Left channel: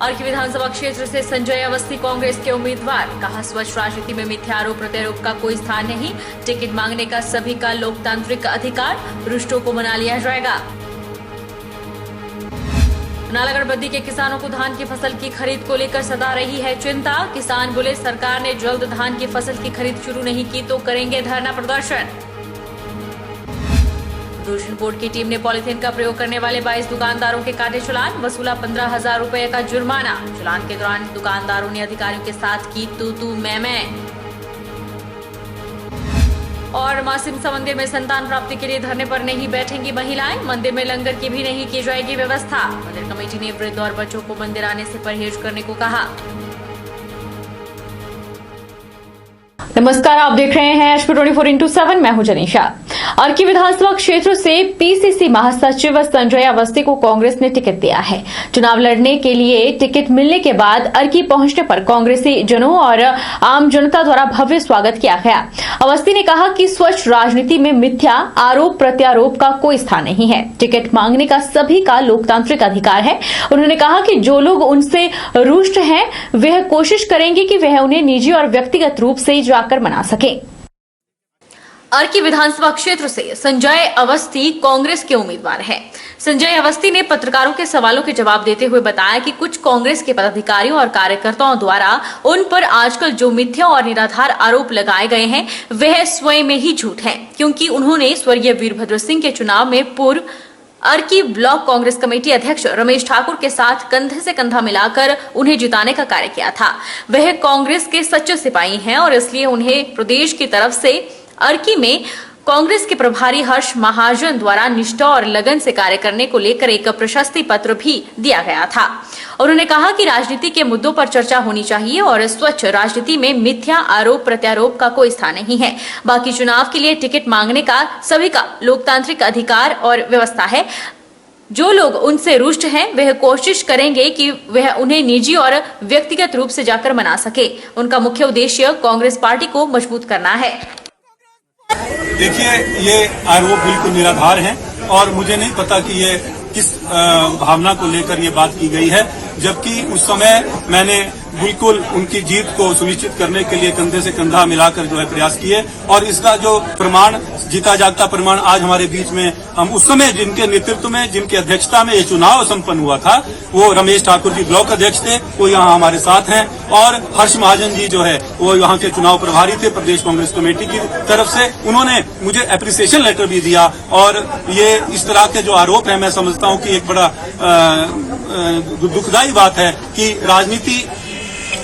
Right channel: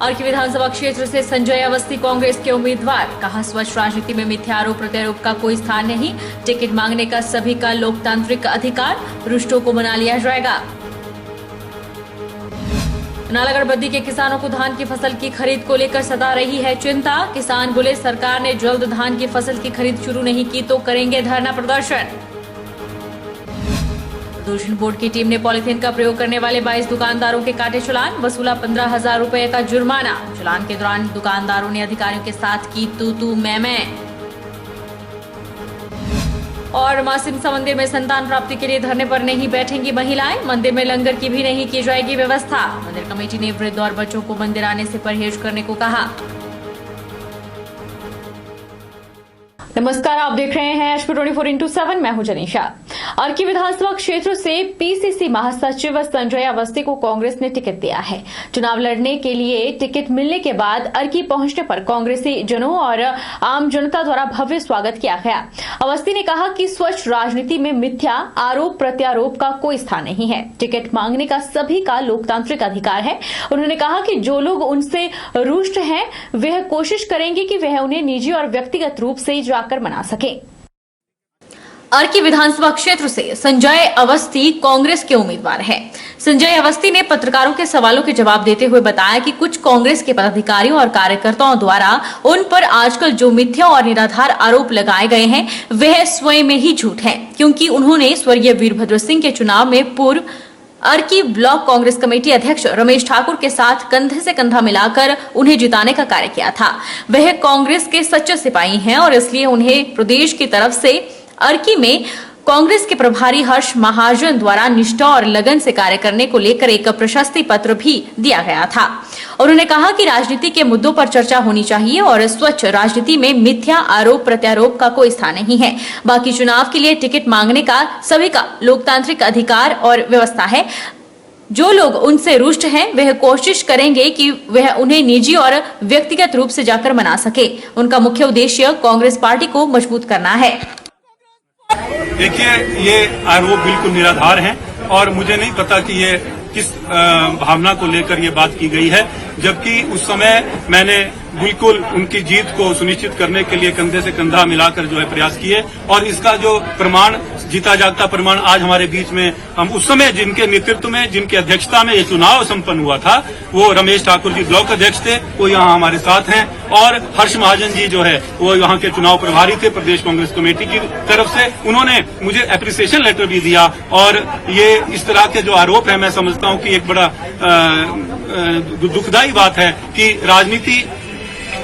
अर्की विधानसभा क्षेत्र से संजय अवस्थी कांग्रेस के उम्मीदवार। कहा, स्वच्छ राजनीति में मिथ्यारोप प्रत्यारोप का कोई स्थान नहीं। टिकट मांगने का सभी का लोकतांत्रिक अधिकार। रुष्टों को मना लिया जाएगा। नालागढ़ बद्दी के किसानों को धान की फसल की खरीद को लेकर सता रही है चिंता। किसान बोले, सरकार ने जल्द धान की फसल की खरीद शुरू नहीं की तो करेंगे धरना प्रदर्शन। प्रदूषण बोर्ड की टीम ने पॉलीथीन का प्रयोग करने वाले 22 दुकानदारों के काटे चालान। वसूला 15,000 रुपए का जुर्माना। चालान के दौरान दुकानदारों ने अधिकारियों के साथ की तू मैं। और मां सिमसा मंदिर में संतान प्राप्ति के लिए धरने पर नहीं बैठेंगी महिलाएं। मंदिर में लंगर की भी नहीं की जाएगी व्यवस्था। मंदिर कमेटी ने वृद्ध और बच्चों को मंदिर आने से परहेज करने को कहा। नमस्कार, आप देख रहे हैं HP 24x7। मैं हूं जनीशा। अर्की विधानसभा क्षेत्र से PCC महासचिव संजय अवस्थी को कांग्रेस ने टिकट दिया है। चुनाव लड़ने के लिए टिकट मिलने के बाद अर्की पहुंचने पर कांग्रेसी जनों और आम जनता द्वारा भव्य स्वागत किया गया। अवस्थी ने कहा कि स्वच्छ राजनीति में मिथ्या आरोप प्रत्यारोप का कोई स्थान नहीं है। टिकट मांगने का सभी का लोकतांत्रिक अधिकार है। उन्होंने कहा कि जो लोग उनसे रुष्ट हैं वह कोशिश करेंगे कि वह उन्हें निजी और व्यक्तिगत रूप से जाकर मना सके। अर्की विधानसभा क्षेत्र से संजय अवस्थी कांग्रेस के उम्मीदवार हैं। संजय अवस्थी ने पत्रकारों के सवालों के जवाब देते हुए बताया कि कुछ कांग्रेस के पदाधिकारियों और कार्यकर्ताओं द्वारा उन पर आजकल जो मिथ्या और निराधार आरोप लगाए गए हैं वह स्वयं में ही झूठ है, क्योंकि उन्होंने स्वर्गीय वीरभद्र सिंह के चुनाव में पूर्व अर्की ब्लॉक कांग्रेस कमेटी अध्यक्ष रमेश ठाकुर के साथ कंधे से कंधा मिलाकर उन्हें जिताने का कार्य किया था। वह कांग्रेस के सच्चे सिपाही हैं और इसलिए उन्हें प्रदेश की तरफ से अर्की में कांग्रेस के प्रभारी हर्ष महाजन द्वारा निष्ठा और लगन से कार्य करने को लेकर एक प्रशस्ति पत्र भी दिया गया था। उन्होंने कहा कि राजनीति के मुद्दों पर चर्चा होनी चाहिए और स्वच्छ राजनीति में मिथ्या आरोप प्रत्यारोप का कोई स्थान नहीं है। बाकी चुनाव के लिए टिकट मांगने का सभी का लोकतांत्रिक अधिकार और व्यवस्था है। जो लोग उनसे रुष्ट हैं वह कोशिश करेंगे कि वह उन्हें निजी और व्यक्तिगत रूप से जाकर मना सके। उनका मुख्य उद्देश्य कांग्रेस पार्टी को मजबूत करना है। देखिए, ये आरोप बिल्कुल निराधार हैं और मुझे नहीं पता कि ये किस भावना को लेकर ये बात की गई है, जबकि उस समय मैंने बिल्कुल उनकी जीत को सुनिश्चित करने के लिए कंधे से कंधा मिलाकर जो है प्रयास किए और इसका जो प्रमाण, जीता जागता प्रमाण आज हमारे बीच में, हम उस समय जिनके नेतृत्व में, जिनके अध्यक्षता में ये चुनाव संपन्न हुआ था, वो रमेश ठाकुर जी ब्लॉक अध्यक्ष थे, वो यहाँ हमारे साथ हैं, और हर्ष महाजन जी जो है वो यहाँ के चुनाव प्रभारी थे प्रदेश कांग्रेस कमेटी की तरफ से। उन्होंने मुझे एप्रिसिएशन लेटर भी दिया और ये इस तरह के जो आरोप है, मैं समझता हूँ कि एक बड़ा दुखदायी बात है कि राजनीति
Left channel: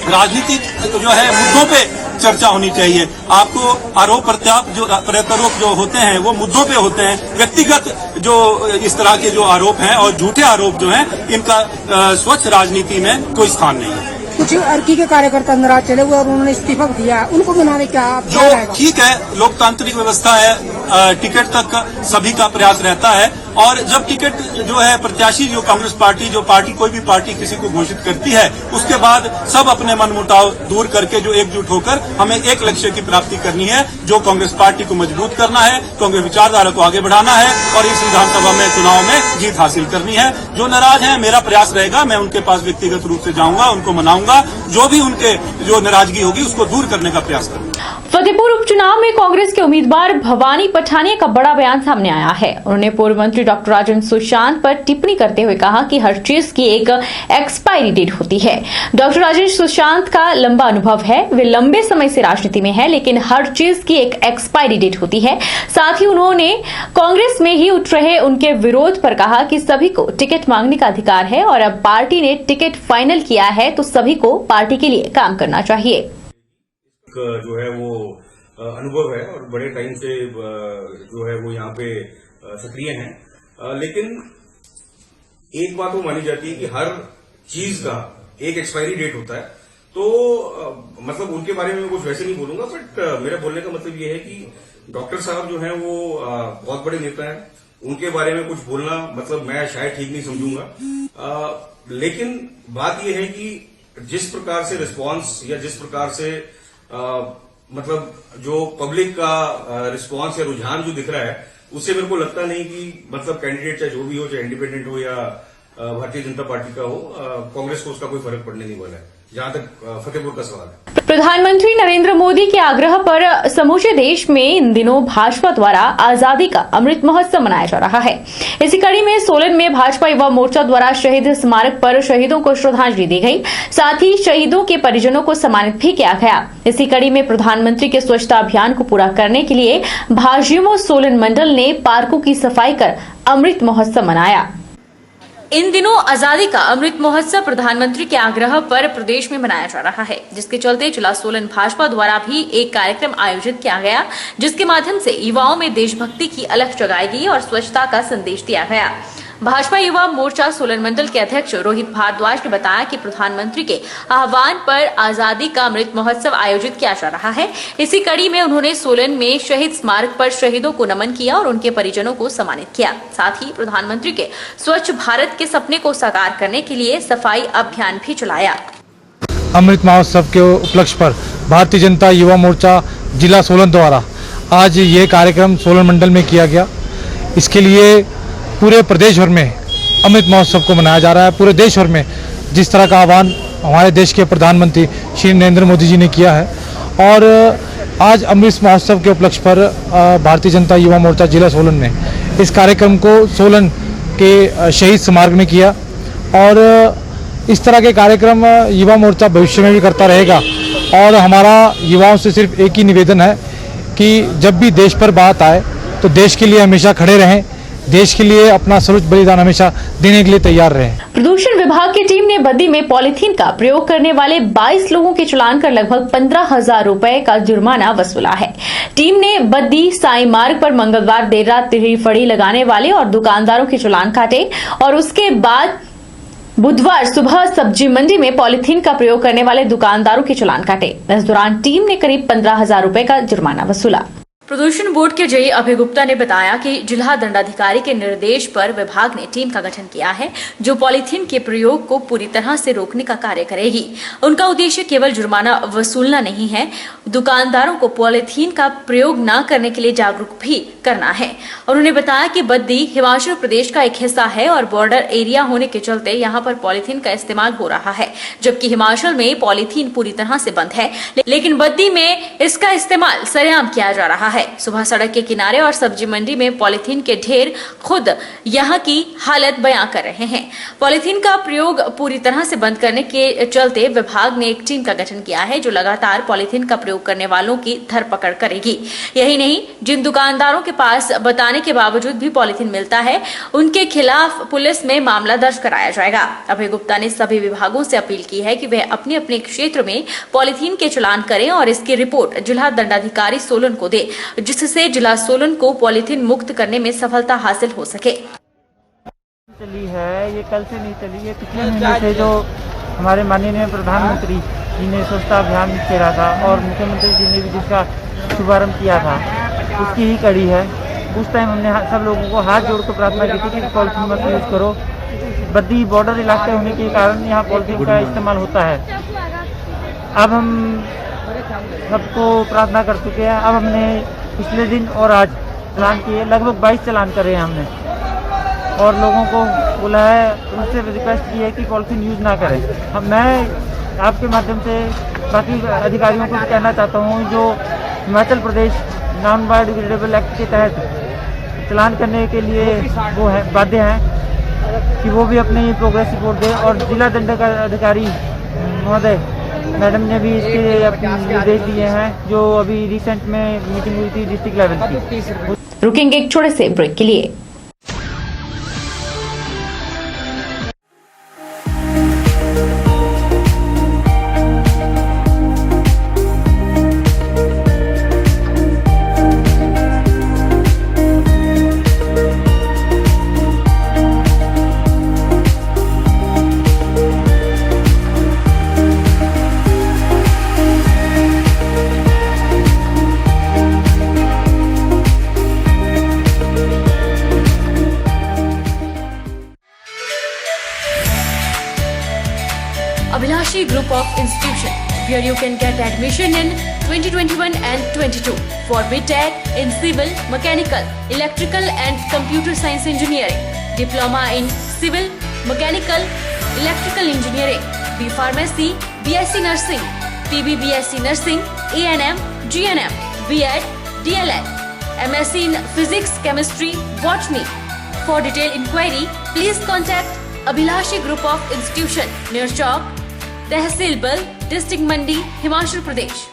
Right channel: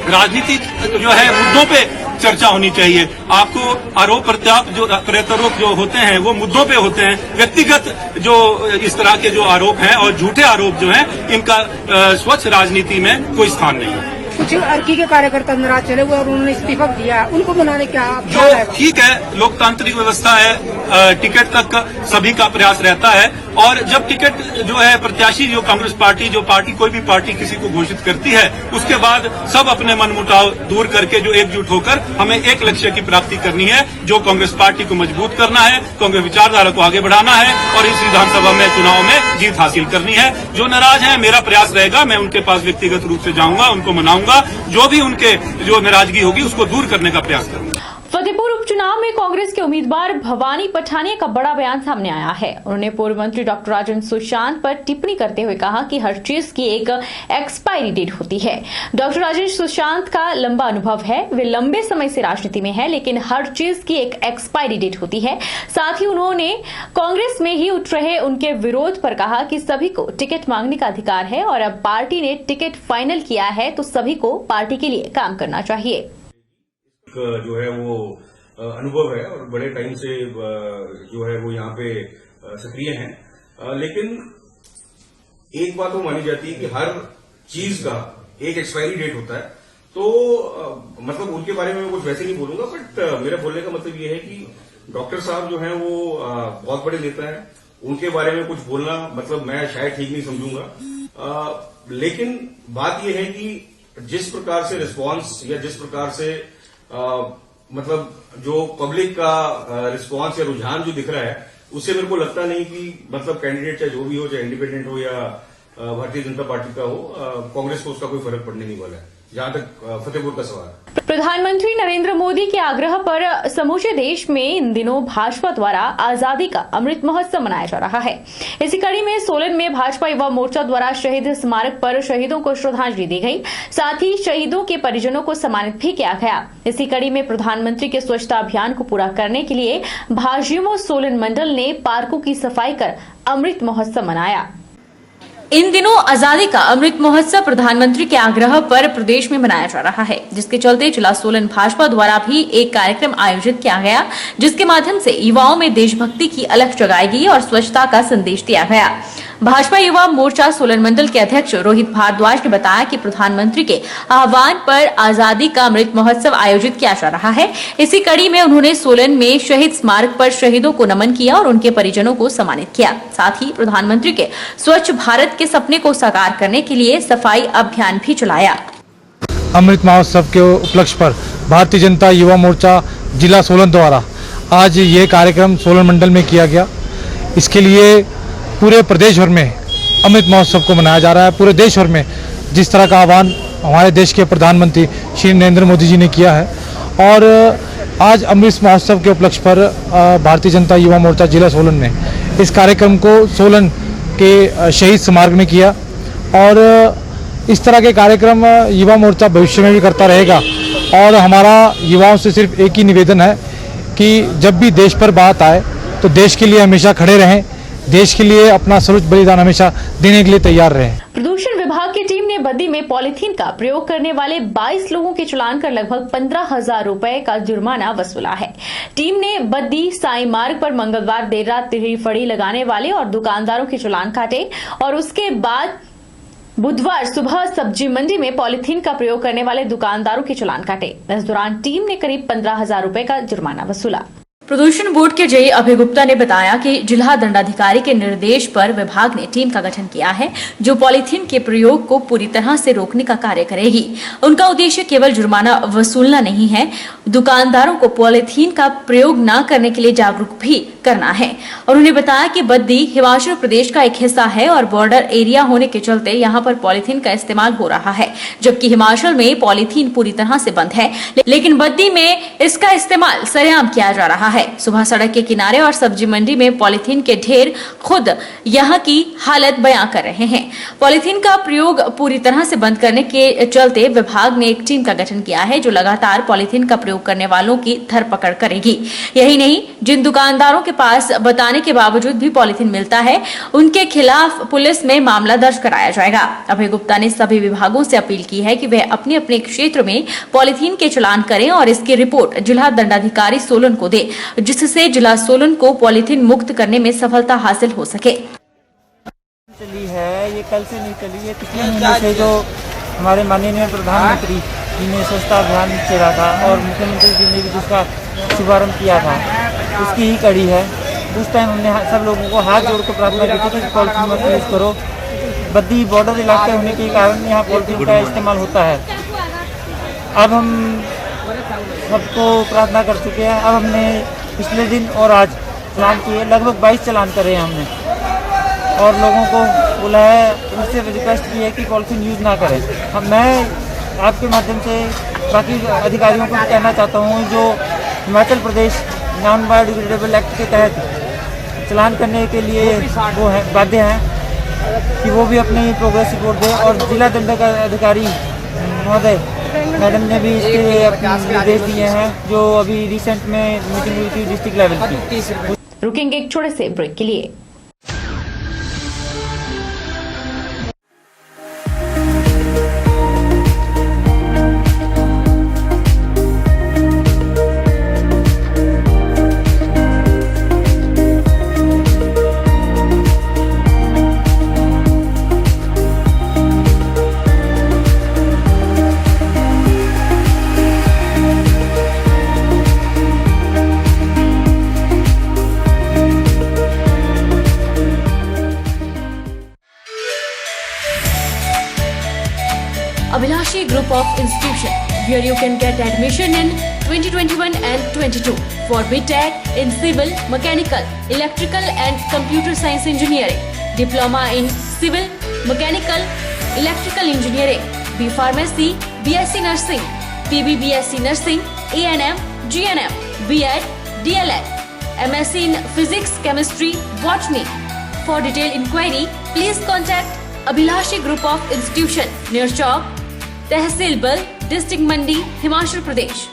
जो है मुद्दों पे चर्चा होनी चाहिए। आपको आरोप प्रत्यारोप जो होते हैं वो मुद्दों पे होते हैं। व्यक्तिगत जो इस तरह के जो आरोप हैं और झूठे आरोप जो हैं, इनका स्वच्छ राजनीति में कोई स्थान नहीं है। कुछ अर्की के कार्यकर्ता नाराज चले हुए और उन्होंने इस्तीफा दिया, उनको बनाने क्या जो ठीक है, लोकतांत्रिक व्यवस्था है, टिकट तक सभी का प्रयास रहता है और जब टिकट जो है प्रत्याशी जो कांग्रेस पार्टी, जो पार्टी कोई भी पार्टी किसी को घोषित करती है, उसके बाद सब अपने मनमुटाव दूर करके जो एकजुट होकर हमें एक लक्ष्य की प्राप्ति करनी है, जो कांग्रेस पार्टी को मजबूत करना है, कांग्रेस विचारधारा को आगे बढ़ाना है और इस विधानसभा में चुनाव में जीत हासिल करनी है। जो नाराज हैं, मेरा प्रयास रहेगा, मैं उनके पास व्यक्तिगत रूप से जाऊंगा, उनको मनाऊंगा, जो भी उनके जो नाराजगी होगी उसको दूर करने का प्रयास करूंगा। फतेहपुर उपचुनाव में कांग्रेस के उम्मीदवार भवानी पठानिया का बड़ा बयान सामने आया है। उन्होंने पूर्व मंत्री डॉक्टर राजेंद्र सुशांत पर टिप्पणी करते हुए कहा कि हर चीज की एक एक्सपायरी डेट होती है। डॉक्टर राजेंद्र सुशांत का लंबा अनुभव है, वे लंबे समय से राजनीति में है, लेकिन हर चीज की एक एक्सपायरी डेट होती है। साथ ही उन्होंने कांग्रेस में ही उठ रहे उनके विरोध पर कहा कि सभी को टिकट मांगने का अधिकार है और अब पार्टी ने टिकट फाइनल किया है तो सभी को पार्टी के लिए काम करना चाहिए। जो है वो अनुभव है और बड़े टाइम से जो है वो यहाँ पे सक्रिय हैं, लेकिन एक बात वो मानी जाती है कि हर चीज का एक एक्सपायरी डेट होता है। तो मतलब उनके बारे में मैं कुछ वैसे नहीं बोलूंगा, बट मेरा बोलने का मतलब ये है कि डॉक्टर साहब जो हैं वो बहुत बड़े नेता हैं, उनके बारे में कुछ बोलना मतलब मैं शायद ठीक नहीं समझूंगा। लेकिन बात यह है कि जिस प्रकार से रिस्पांस या जिस प्रकार से मतलब जो पब्लिक का रिस्पांस या रुझान जो दिख रहा है, उससे मेरे को लगता नहीं कि मतलब कैंडिडेट चाहे जो भी हो, चाहे इंडिपेंडेंट हो या भारतीय जनता पार्टी का हो, कांग्रेस को उसका कोई फर्क पड़ने नहीं वाला है, जहां तक फतेहपुर का सवाल है। प्रधानमंत्री नरेंद्र मोदी के आग्रह पर समूचे देश में इन दिनों भाजपा द्वारा आजादी का अमृत महोत्सव मनाया जा रहा है। इसी कड़ी में सोलन में भाजपा युवा मोर्चा द्वारा शहीद स्मारक पर शहीदों को श्रद्धांजलि दी गई, साथ ही शहीदों के परिजनों को सम्मानित भी किया गया। इसी कड़ी में प्रधानमंत्री के स्वच्छता अभियान को पूरा करने के लिए भाजयुमो सोलन मंडल ने पार्कों की सफाई कर अमृत महोत्सव मनाया। इन दिनों आजादी का अमृत महोत्सव प्रधानमंत्री के आग्रह पर प्रदेश में मनाया जा रहा है, जिसके चलते जिला सोलन भाजपा द्वारा भी एक कार्यक्रम आयोजित किया गया, जिसके माध्यम से युवाओं में देशभक्ति की अलख जगाई गई और स्वच्छता का संदेश दिया गया। भाजपा युवा मोर्चा सोलन मंडल के अध्यक्ष रोहित भारद्वाज ने बताया कि प्रधानमंत्री के आह्वान पर आजादी का अमृत महोत्सव आयोजित किया जा रहा है। इसी कड़ी में उन्होंने सोलन में शहीद स्मारक पर शहीदों को नमन किया और उनके परिजनों को सम्मानित किया। साथ ही प्रधानमंत्री के स्वच्छ भारत के सपने को साकार करने के लिए सफाई अभियान भी चलाया। अमृत महोत्सव के उपलक्ष्य पर भारतीय जनता युवा मोर्चा जिला सोलन द्वारा आज ये कार्यक्रम सोलन मंडल में किया गया। इसके लिए पूरे प्रदेश भर में अमृत महोत्सव को मनाया जा रहा है। पूरे देश भर में जिस तरह का आह्वान हमारे देश के प्रधानमंत्री श्री नरेंद्र मोदी जी ने किया है, और आज अमृत महोत्सव के उपलक्ष्य पर भारतीय जनता युवा मोर्चा जिला सोलन ने इस कार्यक्रम को सोलन के शहीद स्मारक में किया। और इस तरह के कार्यक्रम युवा मोर्चा भविष्य में भी करता रहेगा। और हमारा युवाओं से सिर्फ एक ही निवेदन है कि जब भी देश पर बात आए तो देश के लिए हमेशा खड़े रहें, देश के लिए अपना सर्वोच्च बलिदान हमेशा देने के लिए तैयार रहें। प्रदूषण विभाग की टीम ने बद्दी में पॉलीथीन का प्रयोग करने वाले 22 लोगों के चालान कर लगभग 15,000 रुपए का जुर्माना वसूला है। टीम ने बद्दी साई मार्ग पर मंगलवार देर रात तिरही फड़ी लगाने वाले और दुकानदारों के चालान काटे और उसके बाद बुधवार सुबह सब्जी मंडी में पॉलीथीन का प्रयोग करने वाले दुकानदारों के चालान काटे। इस दौरान टीम ने करीब 15,000 रुपए का जुर्माना वसूला। प्रदूषण बोर्ड के जेई अभय गुप्ता ने बताया कि जिला दंडाधिकारी के निर्देश पर विभाग ने टीम का गठन किया है, जो पॉलीथीन के प्रयोग को पूरी तरह से रोकने का कार्य करेगी। उनका उद्देश्य केवल जुर्माना वसूलना नहीं है, दुकानदारों को पॉलीथीन का प्रयोग न करने के लिए जागरूक भी करना है। उन्होंने बताया कि बद्दी हिमाचल प्रदेश का एक हिस्सा है और बॉर्डर एरिया होने के चलते यहाँ पर पॉलीथीन का इस्तेमाल हो रहा है, जबकि हिमाचल में पॉलीथीन पूरी तरह से बंद है, लेकिन बद्दी में इसका इस्तेमाल सरेआम किया जा रहा है। सुबह सड़क के किनारे और सब्जी मंडी में पॉलीथीन के ढेर खुद यहाँ की हालत बयां कर रहे हैं। पॉलीथीन का प्रयोग पूरी तरह से बंद करने के चलते विभाग ने एक टीम का गठन किया है, जो लगातार पॉलीथीन का प्रयोग करने वालों की धरपकड़ करेगी। यही नहीं, जिन दुकानदारों के पास बताने के बावजूद भी पॉलीथीन मिलता है, उनके खिलाफ पुलिस में मामला दर्ज कराया जाएगा। अभय गुप्ता ने सभी विभागों से अपील की है कि वे अपने अपने क्षेत्र में पॉलीथीन के चालान करें और इसकी रिपोर्ट जिला दंडाधिकारी सोलन को दे, जिससे जिला सोलन को पॉलीथीन मुक्त करने में सफलता हासिल हो सके। चली है, ये कल से नहीं चली है, पिछले महीने से जो हमारे माननीय प्रधानमंत्री जी ने स्वच्छता अभियान चला था और मुख्यमंत्री जी ने भी जिसका शुभारंभ किया था, उसकी ही कड़ी है। उस टाइम हमने सब लोगों को हाथ जोड़कर प्रार्थना की थी कि पॉलीथीन मत यूज करो। बद्दी बॉर्डर इलाके होने के कारण यहाँ पॉलीथीन का इस्तेमाल होता है। अब हम सबको प्रार्थना कर चुके हैं। अब हमने पिछले दिन और आज चालान किए, लगभग 22 चालान करे हैं हमने, और लोगों को बोला है, उनसे रिक्वेस्ट की है कि पॉलीथीन यूज़ ना करें। मैं आपके माध्यम से बाकी अधिकारियों को भी कहना चाहता हूँ, जो Himachal Pradesh non biodegradable act के तहत चालान करने के लिए वो है बाध्य हैं, कि वो भी अपनी प्रोग्रेस रिपोर्ट दें। और जिला दंडाधिकारी महोदय मैडम ने भी इसके अपने निर्देश दिए हैं, जो अभी रिसेंट में मीटिंग हुई थी डिस्ट्रिक्ट लेवल की। रुकेंगे एक छोटे से ब्रेक के लिए। Abhilashi Group of Institution, where you can get admission in 2021 and 22 for BTech in Civil, Mechanical, Electrical and Computer Science Engineering, Diploma in Civil, mechanical, electrical engineering, B pharmacy, BSc nursing, PB BSc nursing, ANM, GNM, B.Ed, DLEd, MSc in Physics, Chemistry, Botany. For detailed inquiry, please contact Abhilashi Group of Institution, near Chowk, Tehsil Bal, District Mandi, Himachal Pradesh.